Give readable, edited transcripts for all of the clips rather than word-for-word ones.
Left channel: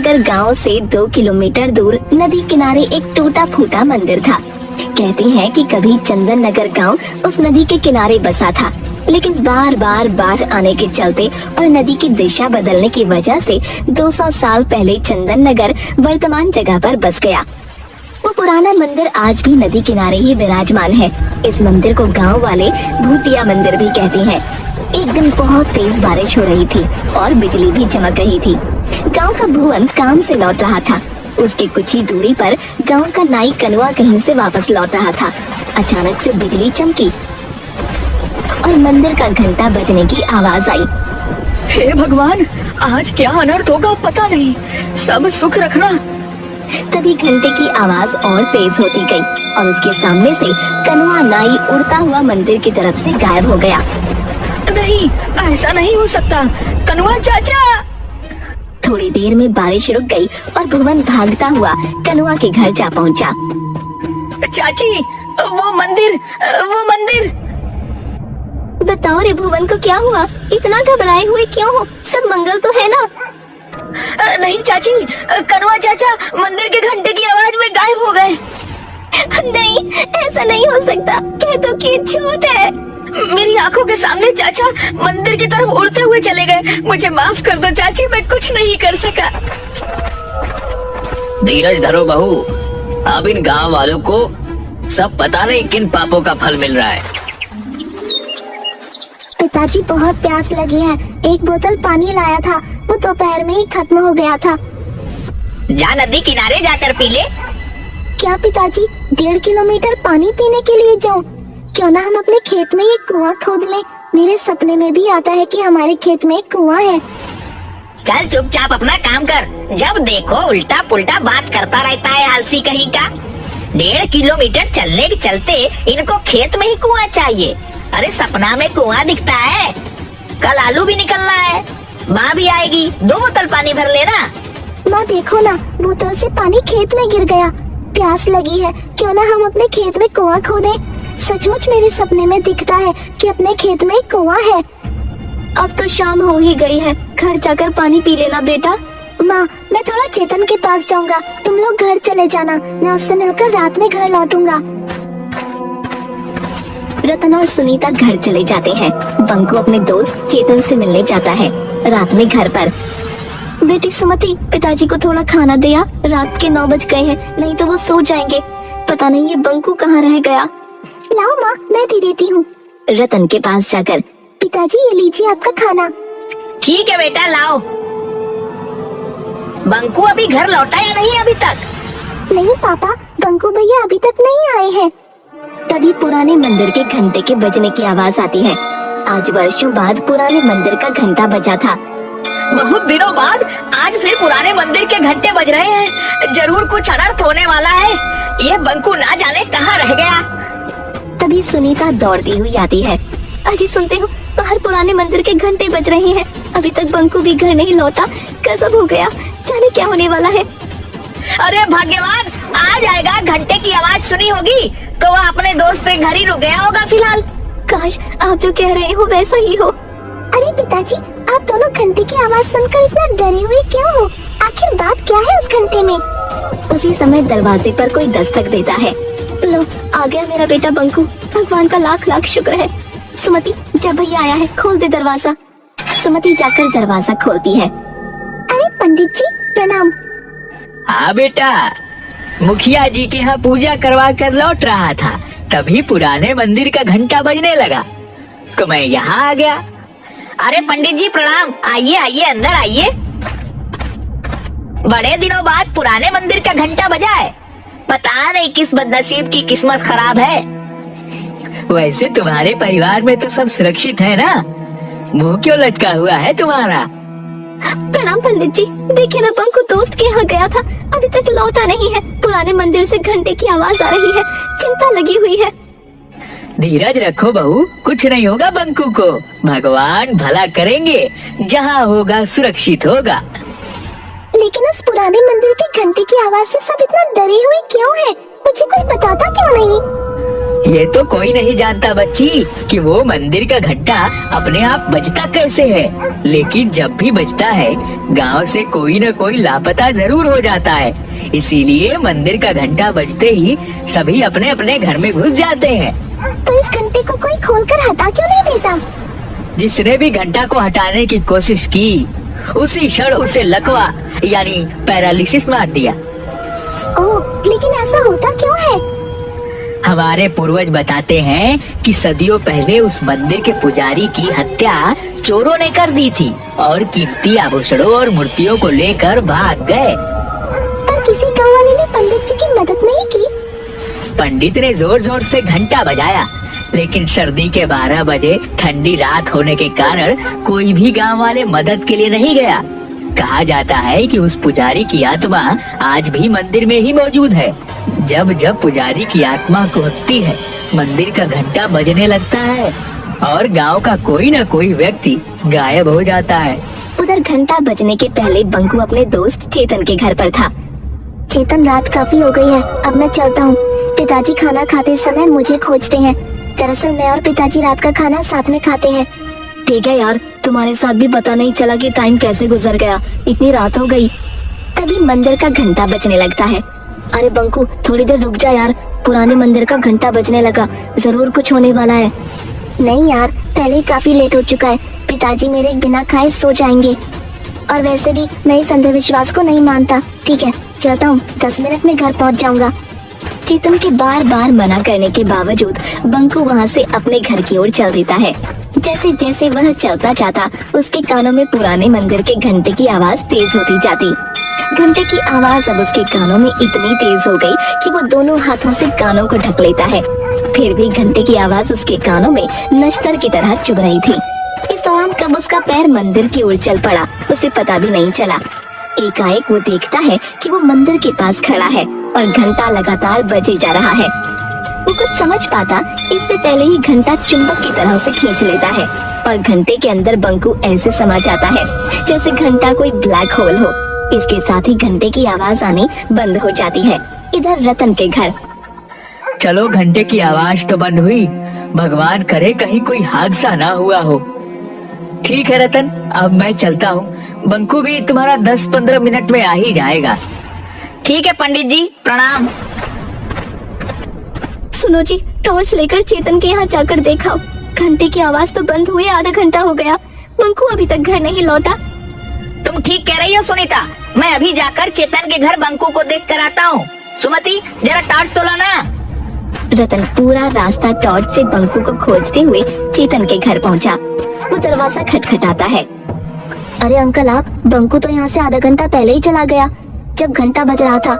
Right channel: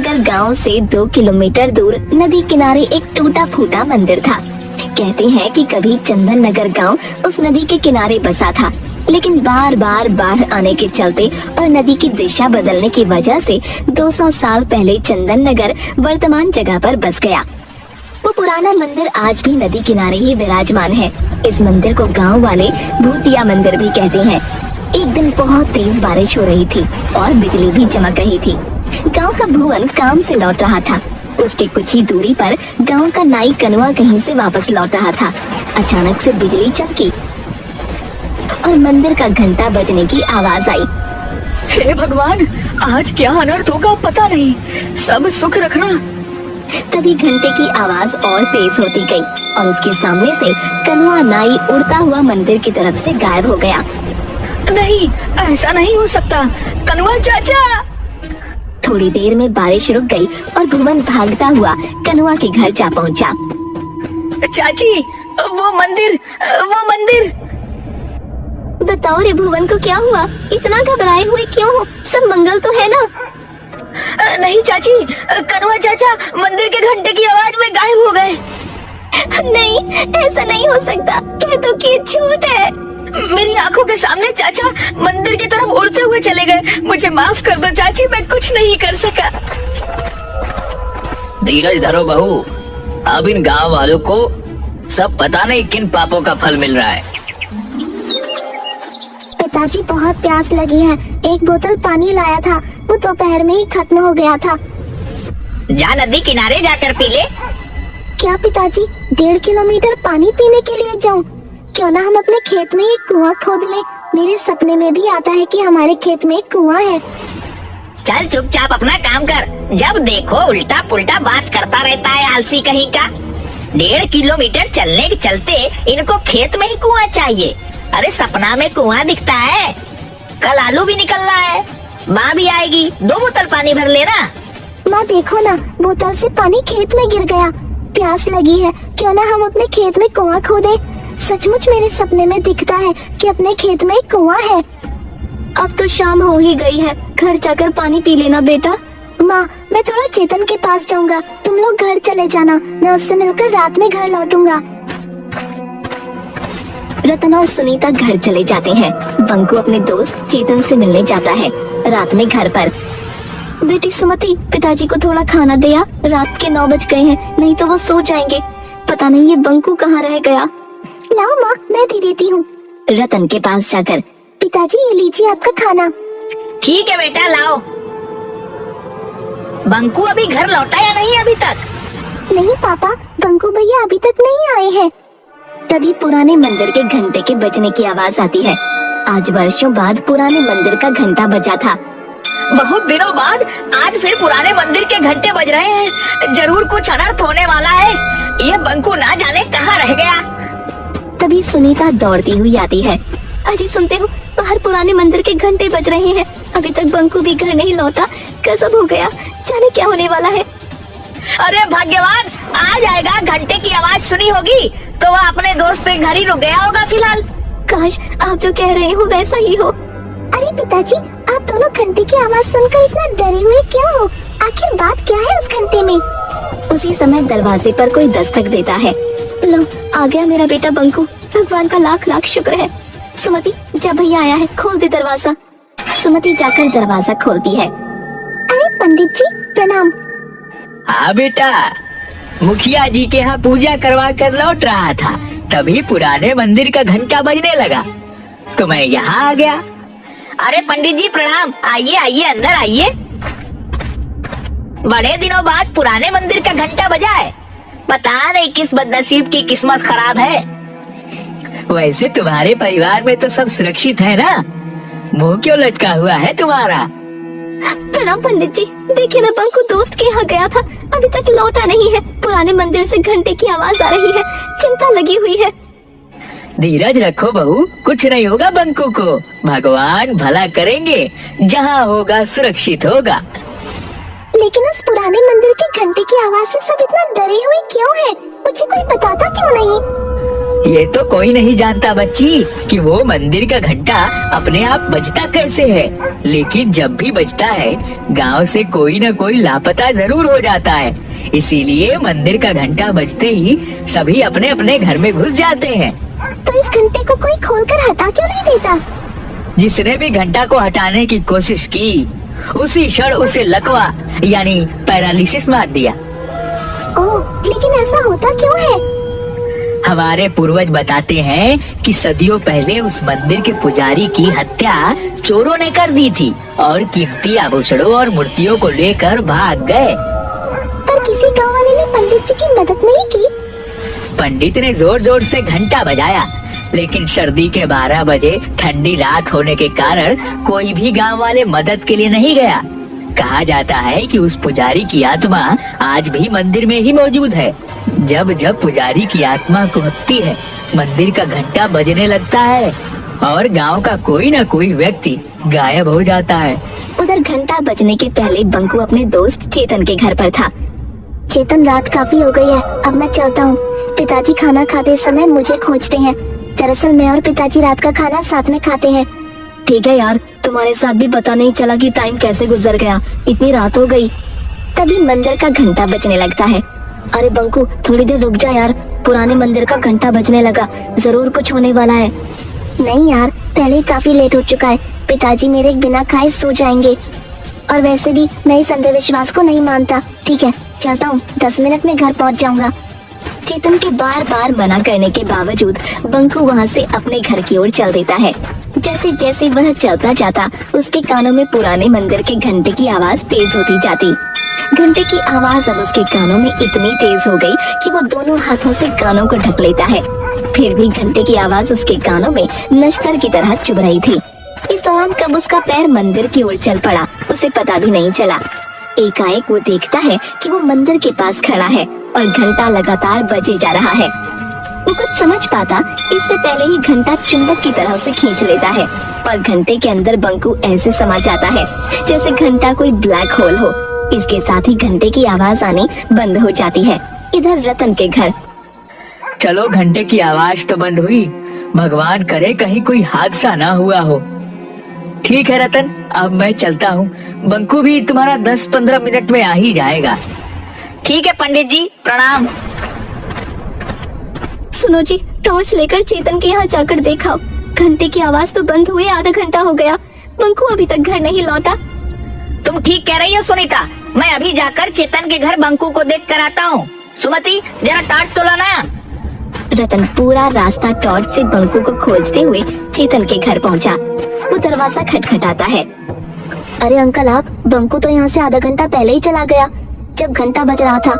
नगर गांव से 2 किलोमीटर दूर नदी किनारे एक टूटा फूटा मंदिर था। कहते हैं कि कभी चंदन नगर गांव उस नदी के किनारे बसा था, लेकिन बार बार बाढ़ आने के चलते और नदी की दिशा बदलने की वजह से 200 साल पहले चंदन नगर वर्तमान जगह पर बस गया। वो पुराना मंदिर आज भी नदी किनारे ही विराजमान है। इस मंदिर को गांव वाले भूतिया मंदिर भी कहते हैं। एक दिन बहुत तेज बारिश हो रही थी और बिजली भी चमक रही थी। गांव का भुवन काम से लौट रहा था। उसके कुछ ही दूरी पर गांव का नाई कनुआ कहीं से वापस लौट रहा था। अचानक से बिजली चमकी और मंदिर का घंटा बजने की आवाज आई। हे भगवान, आज क्या अनर्थ होगा पता नहीं, सब सुख रखना। तभी घंटे की आवाज और तेज होती गई और उसके सामने से कनुआ नाई उड़ता हुआ मंदिर की तरफ से गायब हो गया। नहीं, ऐसा नहीं हो सकता, कनुआ चाचा। थोड़ी देर में बारिश रुक गई और भुवन भागता हुआ कनुआ के घर जा पहुंचा। चाची, वो मंदिर। बताओ रे भुवन को क्या हुआ? इतना घबराए हुए क्यों हो? सब मंगल तो है ना? नहीं चाची, कनुआ चाचा मंदिर के घंटे की आवाज में गायब हो गए। नहीं, ऐसा नहीं हो सकता। कह दो कि झूठ है। मेरी आंखों के सामने चाचा मंदिर की तरफ उड़ते हुए चले गए। मुझे माफ कर दो चाची, मैं कुछ नहीं कर सका। धीरज धरो बहू, अब इन गांव वालों को सब पता नहीं किन पापों का फल मिल रहा है। पिताजी, बहुत प्यास लगी है। एक बोतल पानी लाया था, वो दोपहर में ही खत्म हो गया था। जा नदी किनारे जाकर पी ले। क्या पिताजी, 1.5 किलोमीटर पानी पीने के लिए जाऊं? क्यों ना हम अपने खेत में एक कुआं खोद लें। मेरे सपने में भी आता है कि हमारे खेत में एक कुआं है। चल चुपचाप अपना काम कर। जब देखो उल्टा पुल्टा बात करता रहता है, आलसी कहीं का। 1.5 किलोमीटर चलने के चलते इनको खेत में ही कुआं चाहिए। अरे सपना में कुआं दिखता है। कल आलू भी निकलना है, माँ भी आएगी, 2 बोतल पानी भर लेना। माँ देखो ना, बोतल से पानी खेत में गिर गया। प्यास लगी है, क्यों ना हम अपने खेत में कुआं खोदें। सचमुच मेरे सपने में दिखता है कि अपने खेत में एक कुआं है। अब तो शाम हो ही गई है, घर जाकर पानी पी लेना बेटा। माँ, मैं थोड़ा चेतन के पास जाऊंगा, तुम लोग घर चले जाना। मैं उससे मिलकर रात में घर लौटूंगा। रतन और सुनीता घर चले जाते हैं। बंकू अपने दोस्त चेतन से मिलने जाता है। रात में घर पर बेटी सुमति, पिताजी को थोड़ा खाना दिया। रात के 9 बज गए हैं, नहीं तो वो सो जाएंगे। पता नहीं ये बंकू कहाँ रह गया। लाओ माँ, मैं दे देती हूँ। रतन के पास जाकर, पिताजी ये लीजिए आपका खाना। ठीक है बेटा, लाओ। बंकू अभी घर लौटा या नहीं अभी तक? नहीं पापा, बंकू भैया अभी तक नहीं आए हैं। तभी पुराने मंदिर के घंटे के बजने की आवाज आती है। आज वर्षों बाद पुराने मंदिर का घंटा बजा था। बहुत दिनों बाद आज फिर पुराने मंदिर के घंटे बज रहे हैं। जरूर कुछ अनर्थ होने वाला है। ये बंकू ना जाने कहाँ रह गया। तभी सुनीता दौड़ती हुई आती है। अजी सुनते हो, बाहर पुराने मंदिर के घंटे बज रहे हैं। अभी तक बंकू भी घर नहीं लौटा। गजब हो गया, जाने क्या होने वाला है। अरे भाग्यवान, आ जाएगा। घंटे की आवाज सुनी होगी तो वो अपने दोस्त के घर ही रुक गया होगा फिलहाल। काश आप जो कह रहे हो वैसा ही हो। अरे पिताजी, आप दोनों घंटे की आवाज सुनकर इतना डरे हुए क्यों हो? आखिर बात क्या है उस घंटे में? उसी समय दरवाजे पर कोई दस्तक देता है। लो, आ गया मेरा बेटा बंकू। भगवान का लाख लाख शुक्र है। सुमति, जब भैया आया है खोल दे दरवाजा। सुमति जाकर दरवाजा खोलती है। अरे पंडित जी प्रणाम। हाँ बेटा, मुखिया जी के यहाँ पूजा करवा कर लौट रहा था, तभी पुराने मंदिर का घंटा बजने लगा तो मैं यहाँ आ गया। अरे पंडित जी प्रणाम। आइए आइए, अंदर आइए। बड़े दिनों बाद पुराने मंदिर का घंटा बजा है। पता नहीं किस बदनसीब की किस्मत खराब है। वैसे तुम्हारे परिवार में तो सब सुरक्षित है ना? मुंह क्यों लटका हुआ है तुम्हारा? प्रणाम पंडित जी। देखिए ना, बंकू दोस्त के यहाँ गया था, अभी तक लौटा नहीं है। पुराने मंदिर से घंटे की आवाज आ रही है, चिंता लगी हुई है। धीरज रखो बहू, कुछ नहीं होगा बंकू को। भगवान भला करेंगे, जहाँ होगा सुरक्षित होगा। लेकिन उस पुराने मंदिर के घंटे की आवाज से सब इतना डरे हुए क्यों हैं? मुझे कोई बताता क्यों नहीं? ये तो कोई नहीं जानता बच्ची कि वो मंदिर का घंटा अपने आप बजता कैसे है, लेकिन जब भी बजता है गांव से कोई न कोई लापता जरूर हो जाता है। इसीलिए मंदिर का घंटा बजते ही सभी अपने अपने घर में घुस जाते हैं। तो इस घंटे को कोई खोलकर हटा क्यों नहीं देता? जिसने भी घंटा को हटाने की कोशिश की उसी क्षण उसे लकवा यानी पैरालिसिस मार दिया। ओह, लेकिन ऐसा होता क्यों है? हमारे पूर्वज बताते हैं कि सदियों पहले उस मंदिर के पुजारी की हत्या चोरों ने कर दी थी और कीमती आभूषणों और मूर्तियों को लेकर भाग गए। पर किसी गाँव वाले ने पंडित जी की मदद नहीं की? पंडित ने जोर जोर से घंटा बजाया, लेकिन सर्दी के 12 बजे ठंडी रात होने के कारण कोई भी गांव वाले मदद के लिए नहीं गया। कहा जाता है कि उस पुजारी की आत्मा आज भी मंदिर में ही मौजूद है। जब जब पुजारी की आत्मा कुहकती है, मंदिर का घंटा बजने लगता है और गांव का कोई न कोई व्यक्ति गायब हो जाता है। उधर घंटा बजने के पहले बंकू अपने दोस्त चेतन के घर पर था। चेतन, रात काफी हो गई है, अब मैं चलता हूँ। पिताजी खाना खाते समय मुझे खोजते हैं। दरअसल मैं और पिताजी रात का खाना साथ में खाते हैं। ठीक है यार, तुम्हारे साथ भी पता नहीं चला कि टाइम कैसे गुजर गया, इतनी रात हो गई। तभी मंदिर का घंटा बजने लगता है। अरे बंकू, थोड़ी देर रुक जा यार, पुराने मंदिर का घंटा बजने लगा, जरूर कुछ होने वाला है। नहीं यार, पहले ही काफी लेट हो चुका है, पिताजी मेरे बिना खाए सो जाएंगे। और वैसे भी मैं इस अंधविश्वास को नहीं मानता। ठीक है, चलता हूँ, 10 मिनट में घर पहुँच जाऊंगा। चेतन के बार बार मना करने के बावजूद बंकू वहाँ से अपने घर की ओर चल देता है। जैसे जैसे वह चलता जाता, उसके कानों में पुराने मंदिर के घंटे की आवाज तेज होती जाती। घंटे की आवाज अब उसके कानों में इतनी तेज हो गई कि वो दोनों हाथों से कानों को ढक लेता है। फिर भी घंटे की आवाज उसके कानों में नश्तर की तरह चुभ रही थी। इस दौरान कब उसका पैर मंदिर की ओर चल पड़ा, उसे पता भी नहीं चला। एकाएक वो देखता है कि वो मंदिर के पास खड़ा है और घंटा लगातार बजे जा रहा है। वो कुछ समझ पाता इससे पहले ही घंटा चुंबक की तरह उसे खींच लेता है और घंटे के अंदर बंकू ऐसे समा जाता है जैसे घंटा कोई ब्लैक होल हो। इसके साथ ही घंटे की आवाज आनी बंद हो जाती है। इधर रतन के घर। चलो, घंटे की आवाज तो बंद हुई, भगवान करे कहीं कोई हादसा ना हुआ हो। ठीक है रतन, अब मैं चलता हूँ। बंकू भी तुम्हारा 10-15 मिनट में आ ही जाएगा। ठीक है पंडित जी, प्रणाम। सुनो जी, टॉर्च लेकर चेतन के यहाँ जाकर देखा, घंटे की आवाज तो बंद हुए आधा घंटा हो गया, बंकू अभी तक घर नहीं लौटा। तुम ठीक कह रही हो सुनीता, मैं अभी जाकर चेतन के घर बंकू को देख कर आता हूँ। सुमति, जरा टॉर्च तो लाना। रतन पूरा रास्ता टॉर्च से बंकू को खोजते हुए चेतन के घर पहुँचा। वो दरवाजा खटखटाता है। अरे अंकल आप, बंकू तो यहाँ से आधा घंटा पहले ही चला गया, जब घंटा बज रहा था।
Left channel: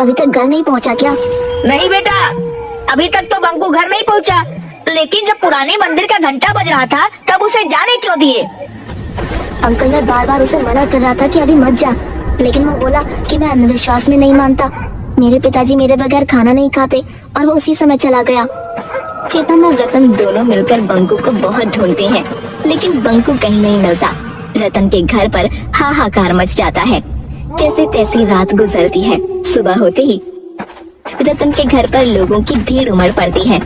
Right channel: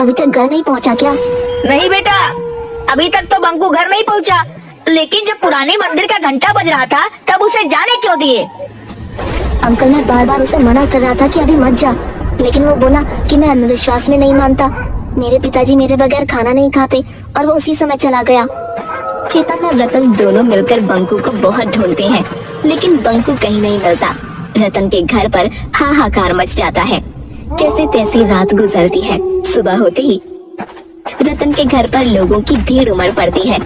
अभी तक घर नहीं पहुँचा क्या? नहीं बेटा, अभी तक तो बंकू घर नहीं पहुँचा, लेकिन जब पुराने मंदिर का घंटा बज रहा था तब उसे जाने क्यों दिए? अंकल, मैं बार बार उसे मना कर रहा था कि अभी मत जा, लेकिन वो बोला कि मैं अंधविश्वास में नहीं मानता। मेरे पिताजी मेरे बगैर खाना नहीं खाते और वो उसी समय चला गया। चेतन और रतन दोनों मिलकर बंकू को बहुत ढूंढते हैं, लेकिन बंकू कहीं नहीं मिलता। रतन के घर पर हाहाकार मच जाता है। जैसे तैसे रात गुजरती है। सुबह होते ही रतन के घर पर लोगों की भीड़ उमड़ पड़ती है।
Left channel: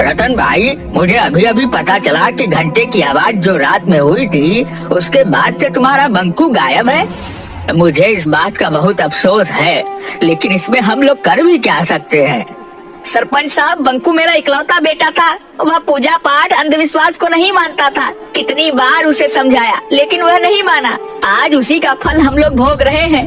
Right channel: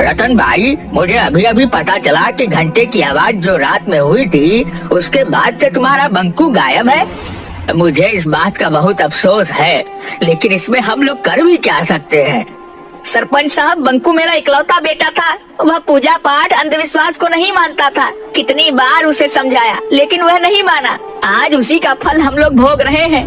रतन भाई, मुझे अभी अभी पता चला कि घंटे की आवाज जो रात में हुई थी उसके बाद से तुम्हारा बंकू गायब है। मुझे इस बात का बहुत अफसोस है, लेकिन इसमें हम लोग कर भी क्या सकते हैं। सरपंच साहब, बंकू मेरा इकलौता बेटा था, वह पूजा पाठ अंधविश्वास को नहीं मानता था। कितनी बार उसे समझाया लेकिन वह नहीं माना। आज उसी का फल हम लोग भोग रहे हैं।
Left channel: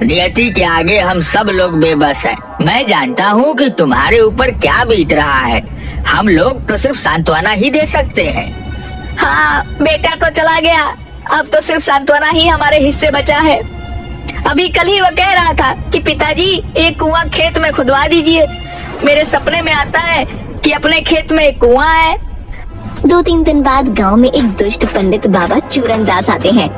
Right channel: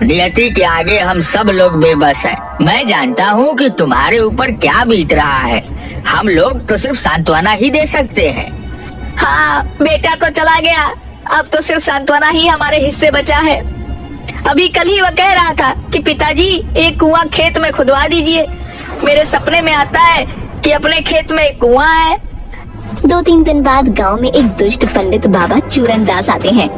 नियति के आगे हम सब लोग बेबस हैं। मैं जानता हूँ कि तुम्हारे ऊपर क्या बीत रहा है, हम लोग तो सिर्फ सांत्वना ही दे सकते हैं। हाँ, बेटा तो चला गया, अब तो सिर्फ सांत्वना ही हमारे हिस्से बचा है। अभी कल ही वह कह रहा था कि पिताजी एक कुआं खेत में खुदवा दीजिए। मेरे सपने में आता है कि अपने खेत में एक कुआं है। 2-3 दिन बाद गांव में एक दुष्ट पंडित बाबा चूरन दास आते हैं।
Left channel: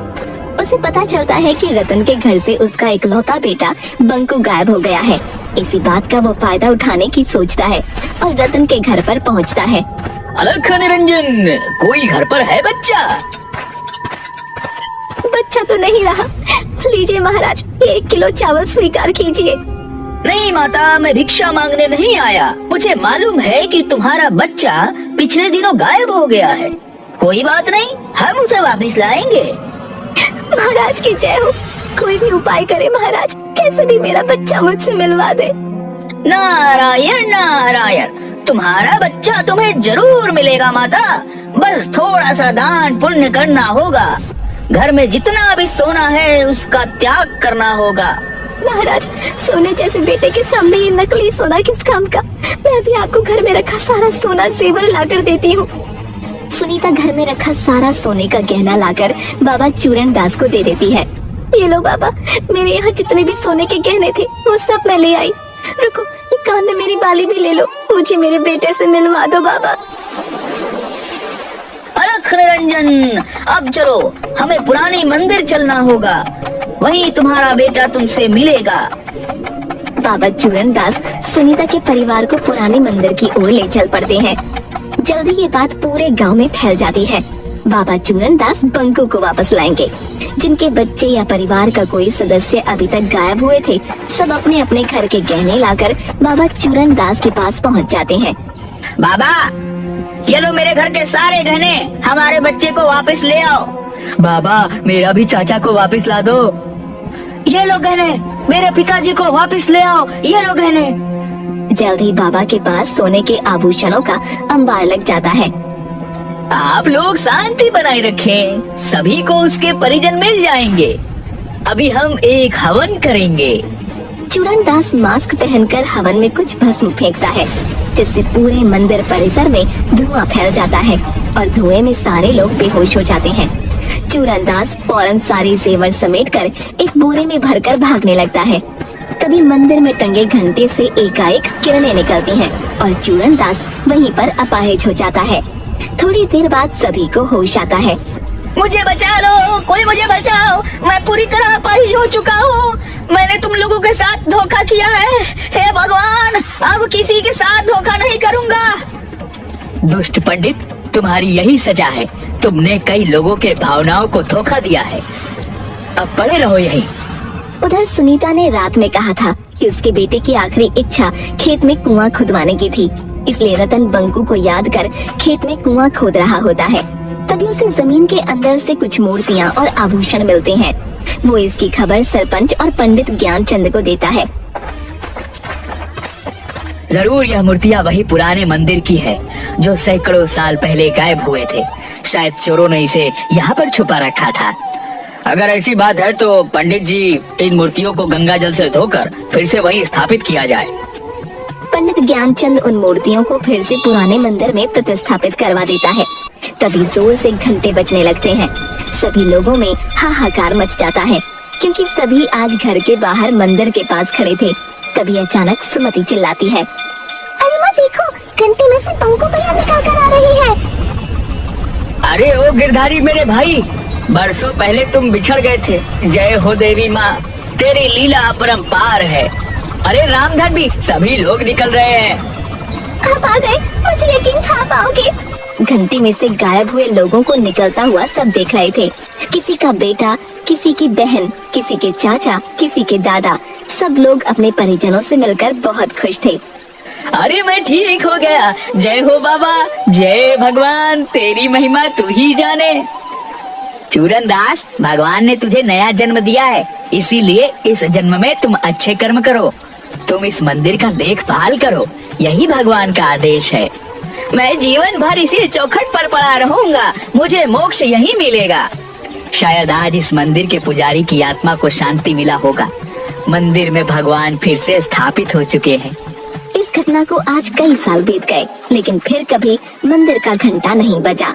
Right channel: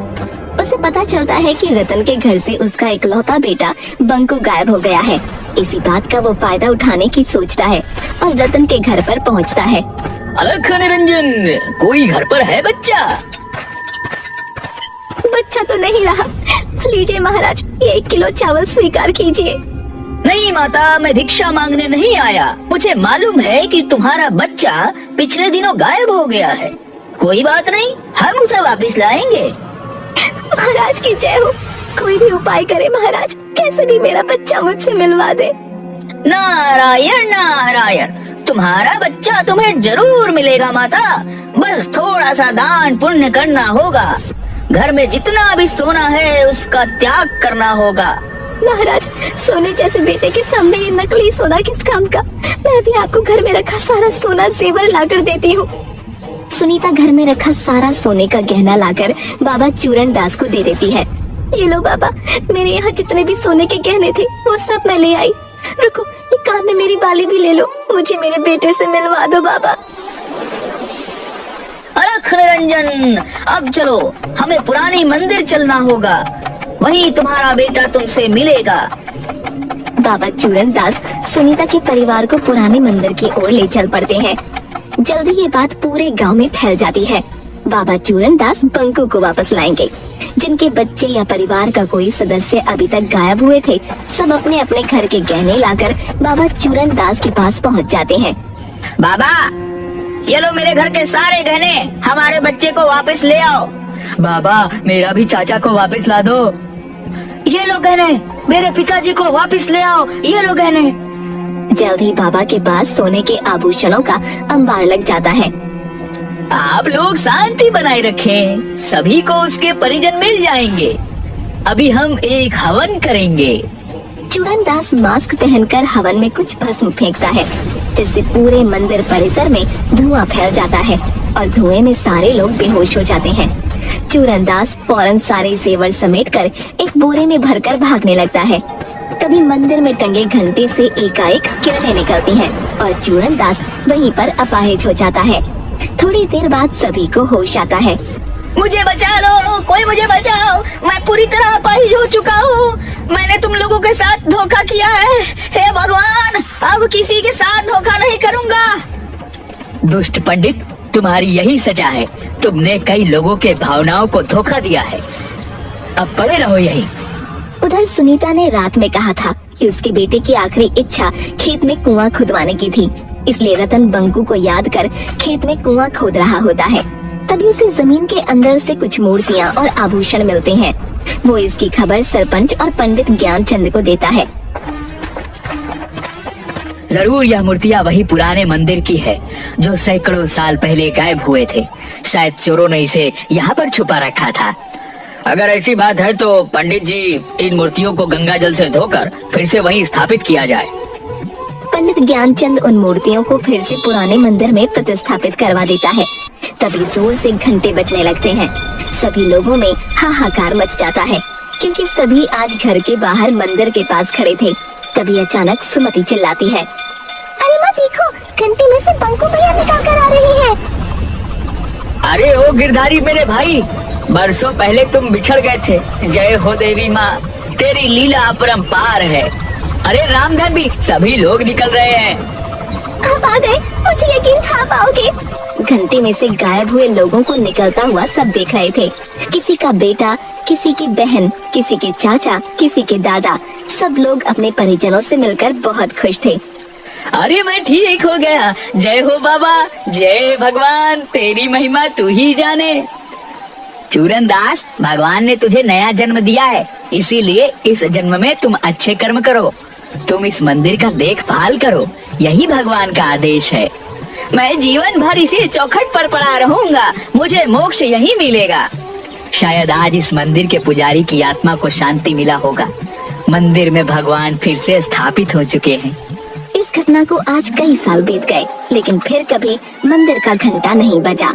उसे पता चलता है कि रतन के घर से उसका इकलौता बेटा बंकू गायब हो गया है। इसी बात का वो फायदा उठाने की सोचता है और रतन के घर पर पहुंचता है। अलख निरंजन, कोई घर पर है बच्चा? बच्चा तो नहीं रहा। लीजिए महाराज, 1 किलो चावल स्वीकार कीजिए। नहीं माता, मैं भिक्षा मांगने नहीं आया। मुझे मालूम है कि तुम्हारा बच्चा पिछले दिनों गायब हो गया है। कोई बात नहीं, हम उसे वापस लाएंगे। महाराज की जय हो। कोई भी उपाय करे महाराज, कैसे भी मेरा बच्चा मुझसे मिलवा दे। नारायण नारायण, तुम्हारा बच्चा तुम्हें जरूर मिलेगा माता। बस थोड़ा सा दान पुण्य करना होगा। घर में जितना भी सोना है उसका त्याग करना होगा। महाराज, सोने जैसे बेटे के सामने ये नकली सोना किस काम का। मैं भी आपको घर में रखा सारा सोना जेवर लाकर देती हूँ। सुनीता घर में रखा सारा सोने का गहना लाकर बाबा चूरन दास को दे देती है। ये लो बाबा, मेरे यहाँ जितने भी सोने के गहने थे वो सब मैं ले आई। रुको, कान में मेरी बाली भी ले लो, मुझे मेरे बेटे से मिलवा दो बाबा। अलख निरंजन, अब चलो, हमें पुरानी मंदिर चलना होगा। वहीं तुम्हारा बेटा तुमसे मिलेगा। बाबा चूरन दास सुनीता के परिवार को पुराने मंदिर की ओर ले चल पड़ते हैं। जल्दी ये बात पूरे गांव में फैल जाती है। बाबा चूरन दास बंकू को वापस लाएंगे। जिनके बच्चे या परिवार का कोई सदस्य अभी तक गायब हुए थे, सब अपने अपने घर के गहने लाकर बाबा चूरन दास के पास पहुंच जाते हैं। बाबा, ये लो मेरे घर के सारे गहने, हमारे बच्चे को वापस ले आओ। बाबा, मेरा भी चाचा को वापस ला दो। ये लो गहने, मेरे पिताजी को वापस ले आओ। ये लो गहने। जल्द ही बाबा के पास सोने के आभूषणों का अंबार लग जाता है। आप लोग शांति बनाए रखें, सभी को उसके परिजन मिल जाएंगे। अभी हम एक हवन करेंगे। चूरन दास मास्क पहनकर हवन में कुछ भस्म फेंकता है, जिससे पूरे मंदिर परिसर में धुआं फैल जाता है और धुएं में सारे लोग बेहोश हो जाते हैं। चूरन दास फौरन सारे जेवर समेटकर एक बोरे में भरकर भागने लगता है। तभी मंदिर में टंगे घंटी से एकाएक किरणें निकलती हैं और चूरन दास वहीं पर अपाहिज हो जाता है। थोड़ी देर बाद सभी को होश आता है। मुझे बचा लो, कोई मुझे बचाओ, मैं पूरी तरह अपाहिज हो चुका हूँ। मैंने तुम लोगों के साथ धोखा किया है। हे भगवान, अब किसी के साथ धोखा नहीं करूँगा। दुष्ट पंडित, तुम्हारी यही सजा है। तुमने कई लोगों के भावनाओं को धोखा दिया है। अब पड़े रहो यही। उधर सुनीता ने रात में कहा था कि उसके बेटे की आखिरी इच्छा खेत में कुआं खुदवाने की थी, इसलिए रतन बंकू को याद कर खेत में कुआं खोद रहा होता है। तभी उसे जमीन के अंदर से कुछ मूर्तियां और आभूषण मिलते हैं। वो इसकी खबर सरपंच और पंडित ज्ञानचंद को देता है। जरूर यह मूर्तियां वही पुराने मंदिर की है जो सैकड़ों साल पहले गायब हुए थे। शायद चोरों ने इसे यहाँ पर छुपा रखा था। अगर ऐसी बात है तो पंडित जी, इन मूर्तियों को गंगा जल से धोकर फिर से वहीं स्थापित किया जाए। पंडित ज्ञानचंद उन मूर्तियों को फिर से पुराने मंदिर में प्रतिस्थापित करवा देता है। तभी जोर से घंटे बजने लगते हैं। सभी लोगों में हाहाकार मच जाता है, क्योंकि सभी आज घर के बाहर मंदिर के पास खड़े थे। तभी अचानक सुमति चिल्लाती है, अलमा देखो, घंटी में से बंकू भैया निकल कर आ रही है। अरे ओ गिरधारी मेरे भाई, बरसों पहले तुम बिछड़ गए थे। जय हो देवी माँ, तेरी लीला अपरंपार है। अरे रामधन भी, सभी लोग निकल रहे हैं। आप आ गए, मुझे यकीन था पाओगे। घंटी में से गायब हुए लोगों को निकलता हुआ सब देख रहे थे। किसी का बेटा, किसी की बहन, किसी के चाचा, किसी के दादा, सब लोग अपने परिजनों से मिलकर बहुत खुश थे। अरे मैं ठीक हो गया। जय हो बाबा, जय भगवान, तेरी महिमा तू ही जाने। चूरन दास, भगवान ने तुझे नया जन्म दिया है, इसीलिए इस जन्म में तुम अच्छे कर्म करो। तुम इस मंदिर का देखभाल करो, यही भगवान का आदेश है। मैं जीवन भर इसी चौखट पर पड़ा रहूंगा, मुझे मोक्ष यही मिलेगा। शायद आज इस मंदिर के पुजारी की आत्मा को शांति मिला होगा। मंदिर में भगवान फिर से स्थापित हो चुके हैं। इस घटना को आज कई साल बीत गए, लेकिन फिर कभी मंदिर का घंटा नहीं बजा।